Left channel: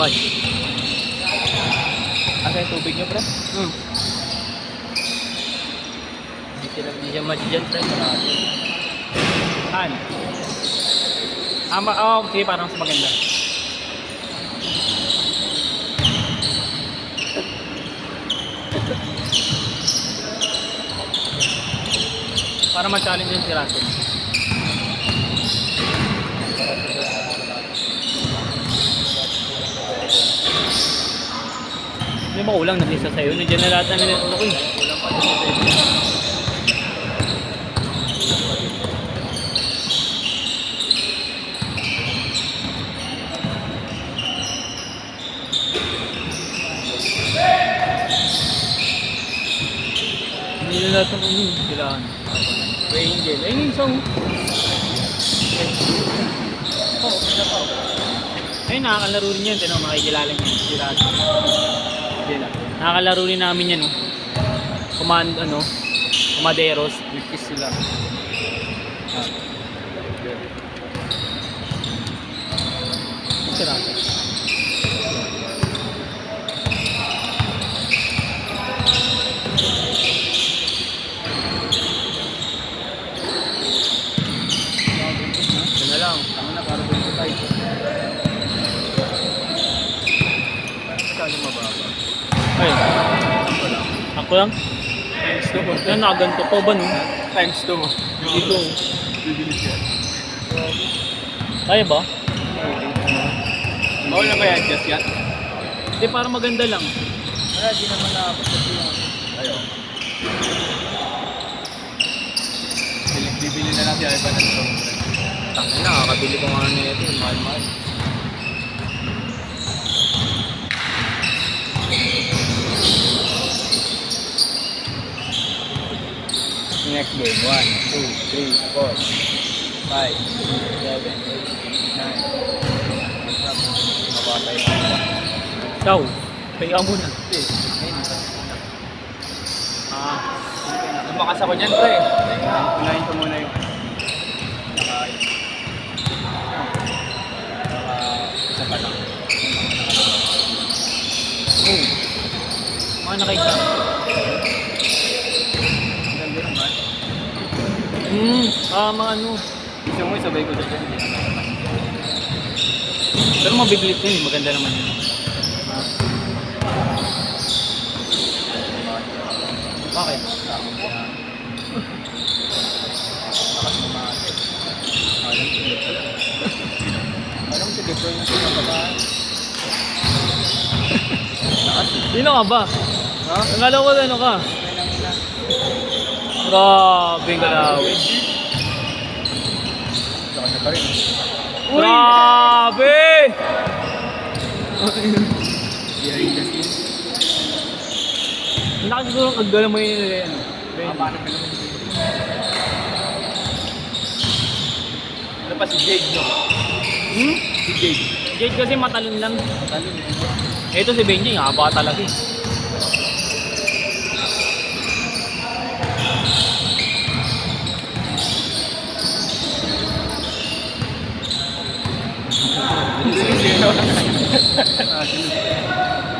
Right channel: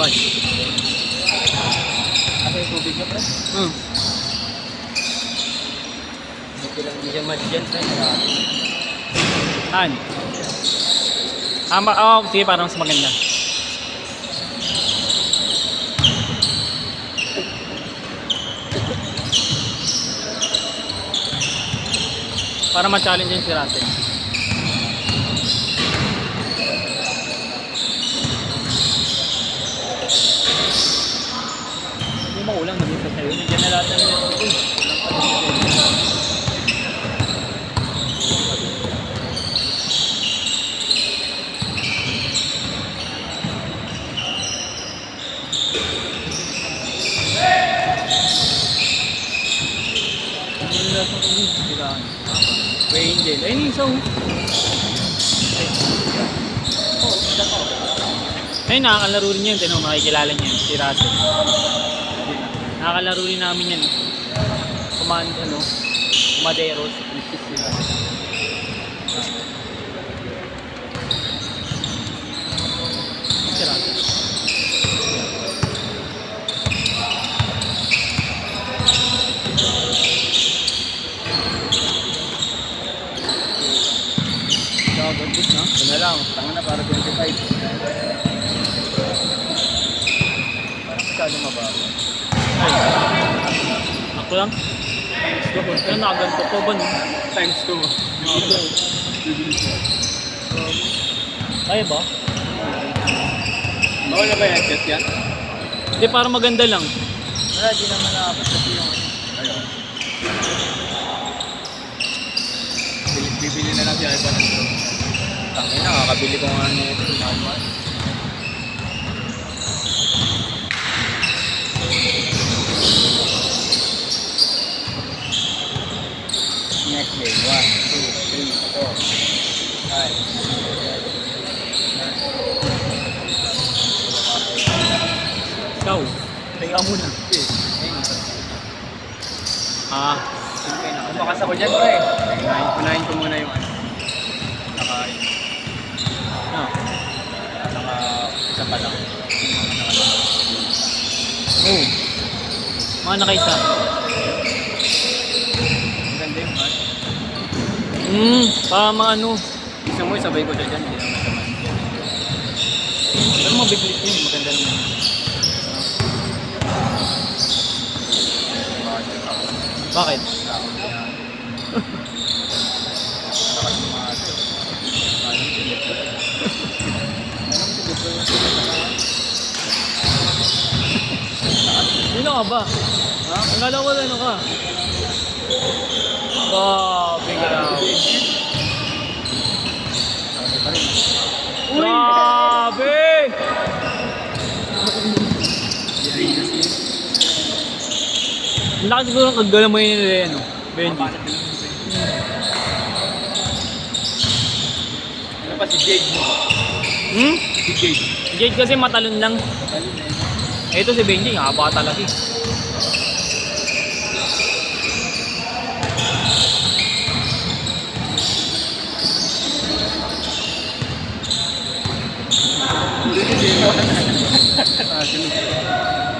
Bye. Asa yung tubig niya, pre? Hindi siya match dyan, pre. Marami. Saan? Sige, parang mas maganda. Para ma-challenge yun si Russell. Hindi mo ulang nag-isa sa'yo. Nandiyan na lahat na nila. Kulang pa din siya. Hindi na lahat ng kailangan. Way Angel. Ayun yung isa. Isa pa. Ayun, nakakalaro rin yan. Tinan mo, makikilala niya yun. Si Russell. Nakakalaro rin namin yan. Comanderos. Wikis sila. Si Russell. Ito na lang. Tanga na para 25. Parang masyadong mababa. Ay. Ako lang? Kaya nakaganto ko ba no? Times 2 mo. Dito. Bibili siya. Kaya ba? Okay na ba yan? Test yan? Hindi, para maganda lang. Wala, di naman nakapag kasi yung... Ayaw. Bibili na lang si Ivan ng ito. Tangin na, kakabili ko nga nito. Mahal-mahal. Next game. 1, 2, 3, 4, 5, 7, 9. Ikaw. Kaya muna. Lumakas ako dyan, pre. Unahin ko muna yung isa pa lang. Mga nakaisa. Ang ganda yun, ha? Para maano. Gusto mo, isabay ko dyan. Hindi naman naman. Pero mabiblit yun. Maganda naman. Bakit? Sino ka ba? Ang alam ko ano ka? Grabe, grabe. Grabe! Hindi ka siguro kagala mo yun rin. Ano pa si Jade, no? Si Jade. Jade kasi matalon lang. Matalin eh. Ito si Benji, haba talaga eh.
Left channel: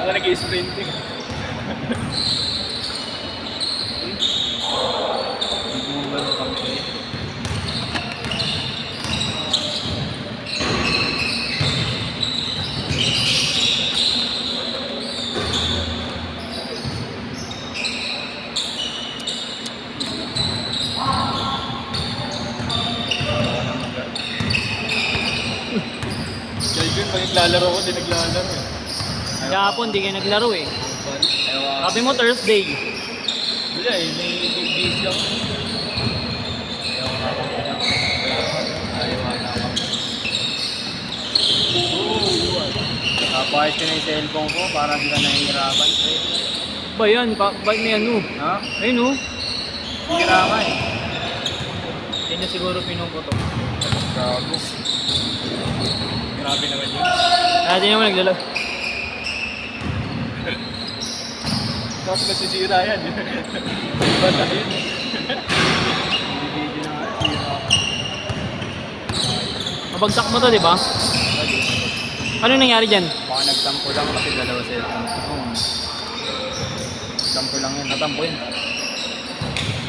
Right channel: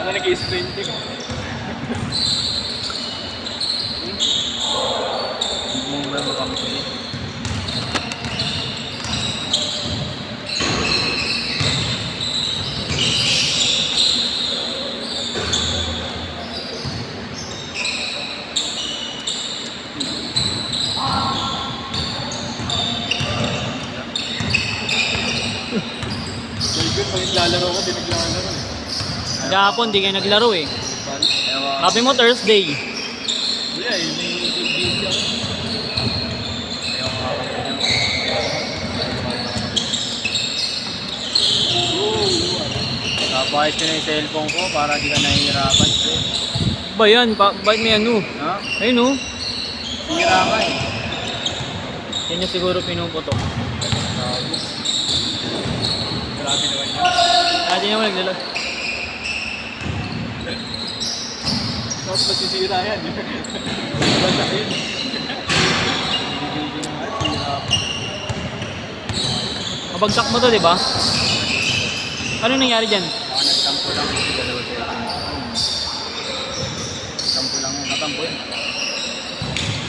Ako nag-sprint eh. Meron kami ko eh. Pag naglalaro ko, di naglalaro eh. Gapon, di kayo naglaro eh. Ewan. Sabi mo Thursday. Wala eh, may big lang. Ewan nga ako niya. Kapahit ko na yung cellphone ko para di ka nahihirapan. Ba yan? Ba't may ano? Ha? Ayun oh. Hira ka eh. Yan niya siguro pinuputok. Tapos. Grabe naman yun. Kaya di naman naglaro. Tapos masisira yan. Basta yun. Hindi na nga, hira pa. Mabagsak mo to, di ba? Ano nangyari dyan? Baka Baka nagtampo lang kasi dalawa sila. Tampo lang yan. Natampo yun.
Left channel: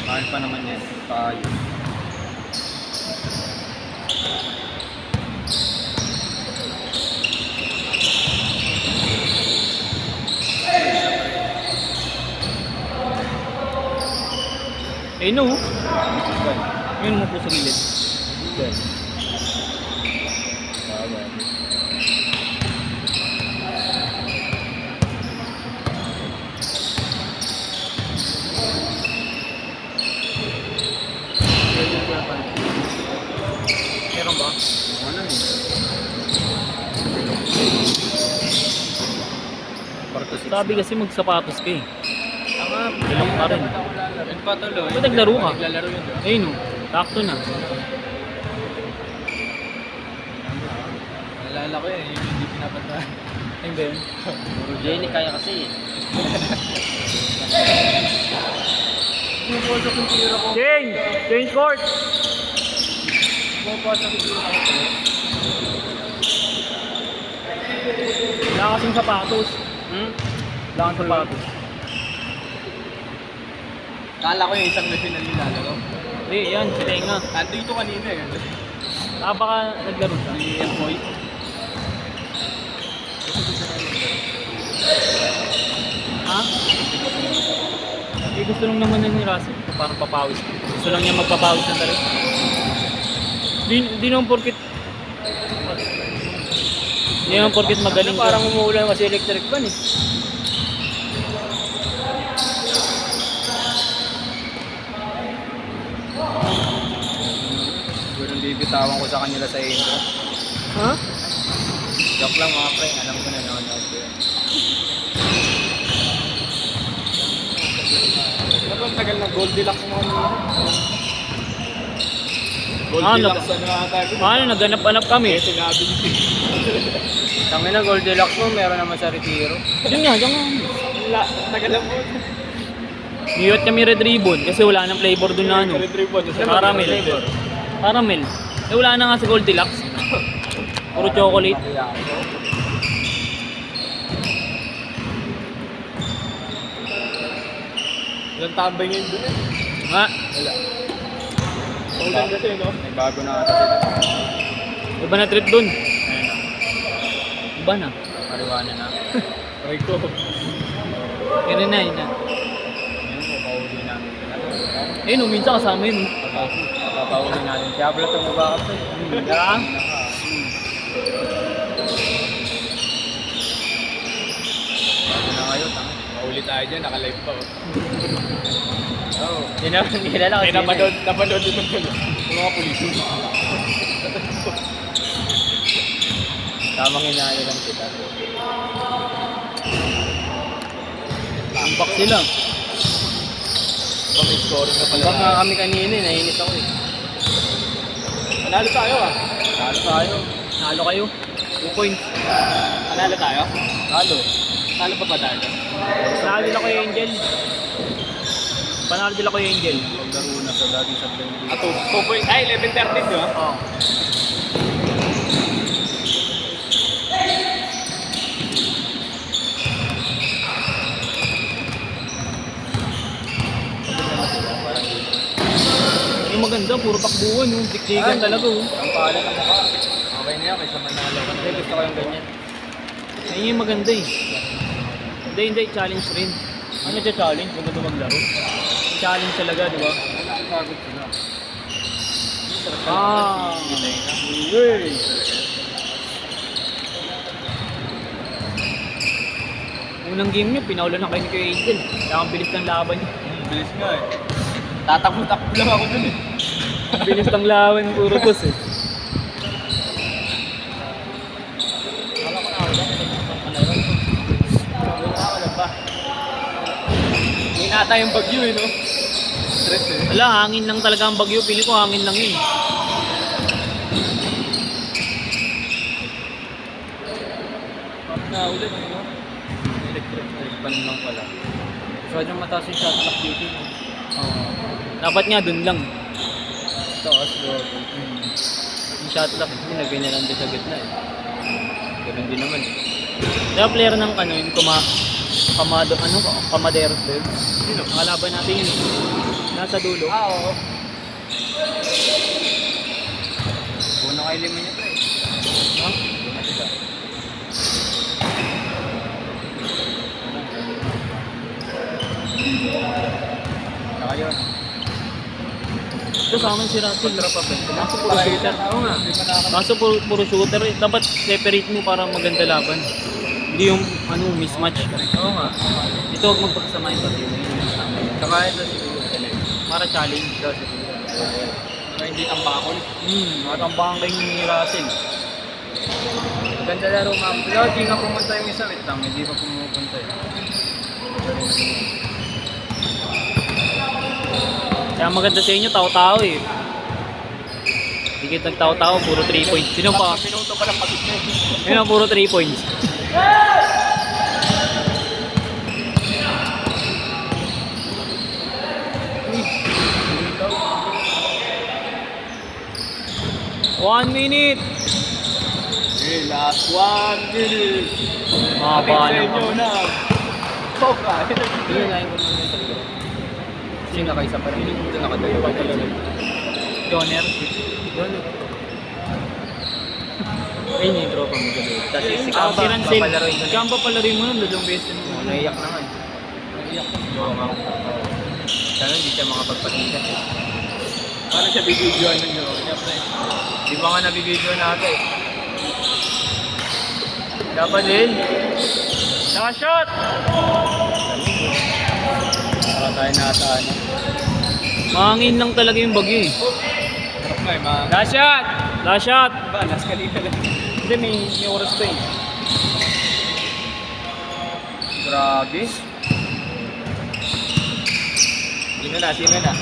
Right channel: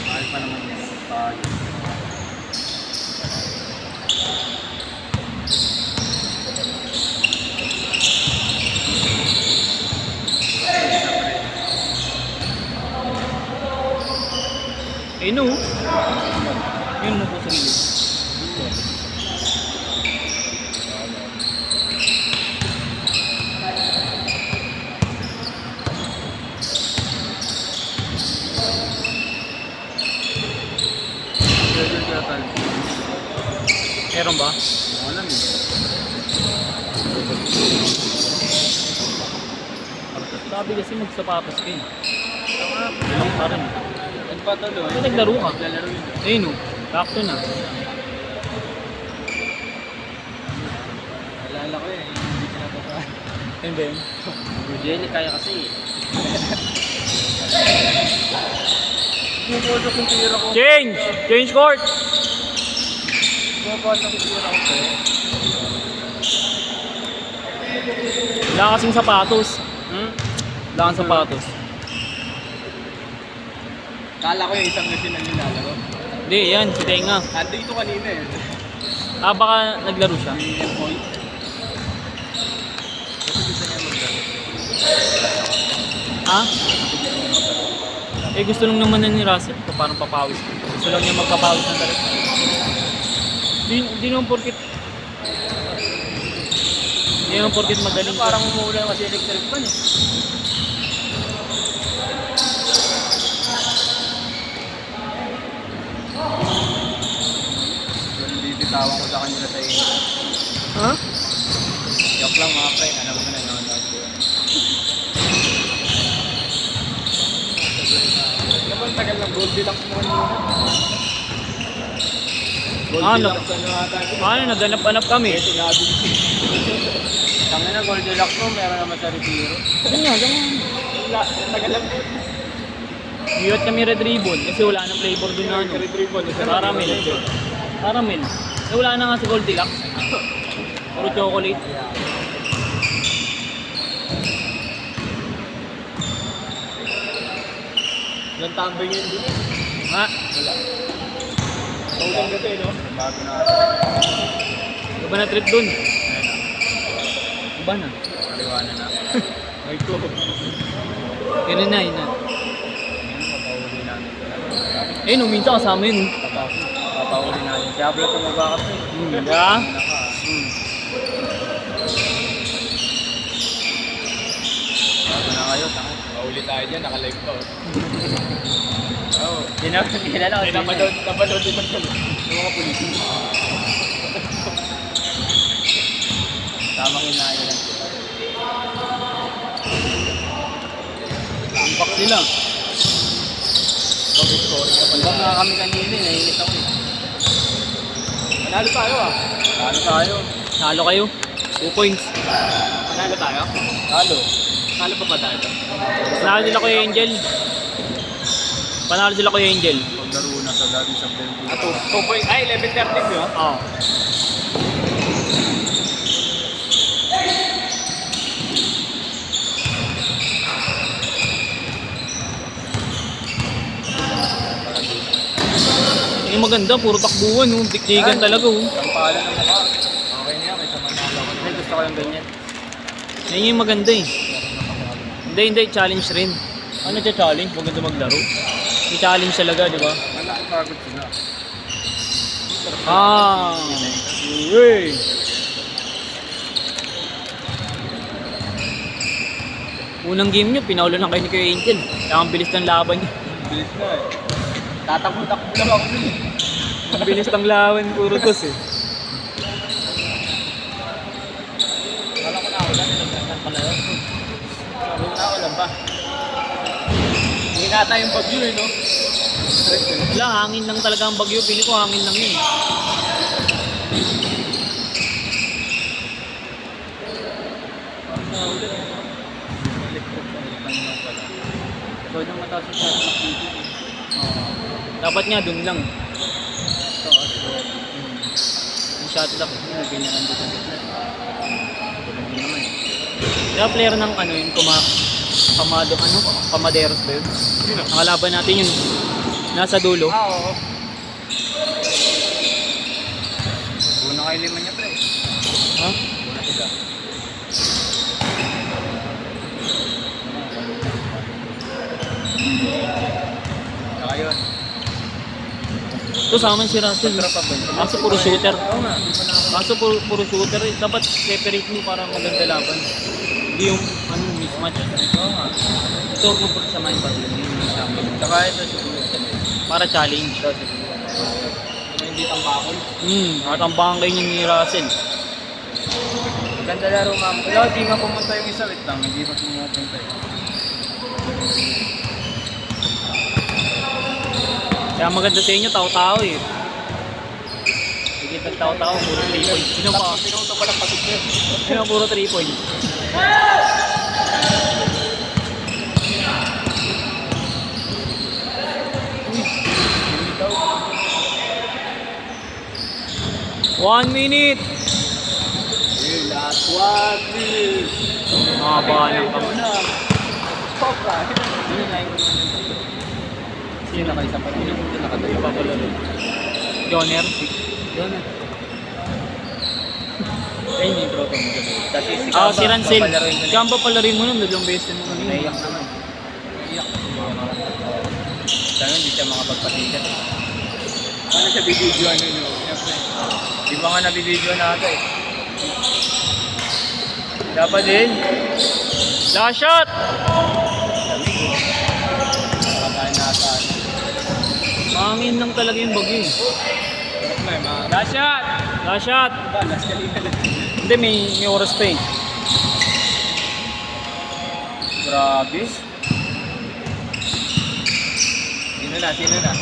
Kahit pa naman yan. Kahit. Eh no. Ayun mo po sa gilid. Meron ba? Alam eh. Sabi kasi magsapatos ka eh. Dalang pa rin. Nagpatuloy. Ba't naglaro ka? Naglalaro yun. Eh no. Sakto na. Nalala ko yan. Hindi pinapatawa. Ayun ba yun? Puro Jenny kaya kasi eh. Pumapasok yung tira ko. Change! Change court! Pumapasok yung tira ko. Wala kasing sapatos. Wala kang sapatos. Kala ko yung isang machine na nilalaro. Hindi, yan. Si Tenga. Dito kanina eh. Baka naglaro siya. BM boy. Ha? Eh gusto lang naman na ni Russell. Ito parang papawis. Gusto lang niya magpapawis ng tarik. Di naman porkit. Di naman porkit magaling. Parang umuulan kasi electric fan eh. Bitawan ko sa kanila sa inyo. Ha? Joke lang mga friend, alam ko na nanonood ko yun. Ang tagal ng Goldilocks mo kanina. Paano naghanap-hanap kami? Tangin na Goldilocks mo, meron naman sa Retiro. Yun nga, yun nga. Tagal lang mo. Biyot kami red ribbon kasi wala nang flavor dun na ano. Caramel. Caramel. Eh wala na nga sa Goldilocks. Puro chocolate. Ilang tambay ngayon doon eh. Ha? Wala. Ulan kasi no? May bago na ata. Iba na trip dun. Iba na. Mariwana na. Ay ko. Yun na, yun na. Ngayon, papahuli namin. Eh no, minsan kasama yun. Papahuli natin. Si Ablo tumubakap sa'yo. Diba? Naka. Bago na kayo, tanga. Mauli tayo dyan, naka-live pa oh. Oo. Kilala ko. Kaya napanood din ng film. Yung mga polisi. Tamang inaayos lang kita. Impact sila. Pag-scoring na pala. Imbak nga kami kanina, nainis ako eh. Manalo tayo ah. Talo tayo. Nalo kayo. 2 points. Manalo tayo? Talo. Talo pa ba tayo? Panalo sila kay Angel. Panalo sila kay Angel. Paglaro na sa dati sa Belgium. Ah, 2 point. Ay, 11-13 di ba? Oo. Parang dito. Eh maganda, puro takbuhan. Oh. Dikdigan talaga. Oh. Kampala na mukha. Okay na yan, kaysa manalo ka na. Gusto ko yung ganyan. Yan yung maganda eh. Hindi, challenge rin. Ano siya challenge? Maganda maglaro. Yung challenge talaga, di ba? Wala, pagod sila. Ah, uy. Unang game nyo, pinaulan na kayo ni Kuya Angel. Kaya ang bilis ng laban nyo. Bilis nga eh. Tatakbo-takbo lang ako dun eh. Ang bilis ng laban, puro tos eh. Wala ko na ako lang. Nagkakasal pala yun. Wala ako lang ba? Hindi nata yung bagyo eh no? Stress eh. Wala, hangin lang talaga ang bagyo. Pili ko hangin lang yun. Sa ulit. Electric na Pan lang pala. Pwede mataas yung shot clock dito. Dapat nga dun lang. Taas ko. Yung shot clock, hindi na ganyan lang doon sa gitna eh. Ganun din naman eh. Kaya player ng ano yun, Kamaderos ba yun? Nakalaban natin yun. Nasa dulo. Oo. Una kayo lima niya, pre. Ha? Una sila. Saka yun. Ito sa amin si Russell. Kontra pa ba yun? Kaso puro shooter. Oo nga. Kaso puro shooter. Dapat separate mo para maganda laban. Hindi yung ano, mismatch. Oo nga. Ito huwag magpagsamahin pati yun. Saka ito siguro. Para challenge. Ito siguro. Mga hindi tambakol. Matambangan kayo ni Russell. Maganda laro, ma'am. Wala, di nga pumunta yung isa. Wait lang, hindi pa pumupunta eh. Kaya maganda sa inyo, tao-tao eh. Hindi kita tao-tao, puro 3 points. Sino pa? Pinunto pa lang pagod niya. Yun ang puro 3 points. Bumitaw. 1 minute! Last one. Mahaba ng kamay. Sopa. Hindi na yung sino kayo sa parang? Sino kung nakatuyo pa pala rin? Joner. Yun. Ayun yung tropa mo sa doon. Kasi si Ah, si Rancel. papalaroin ko na. Kaya papalaroin mo nun, dalawang beses mo. Naiyak naman. Naiyak. Sana hindi siya makapagpasikat eh. Paano siya bibidyoan ninyo? Di ba nga nabibidyoan natin eh? Dapat din. Last shot! Lamig eh. Wala tayo nataan. Mahangin lang talaga yung bagyo eh. Last shot! Last shot! Last kanina lang. Hindi, may oras pa eh. Grabe. Sino na? Sino na?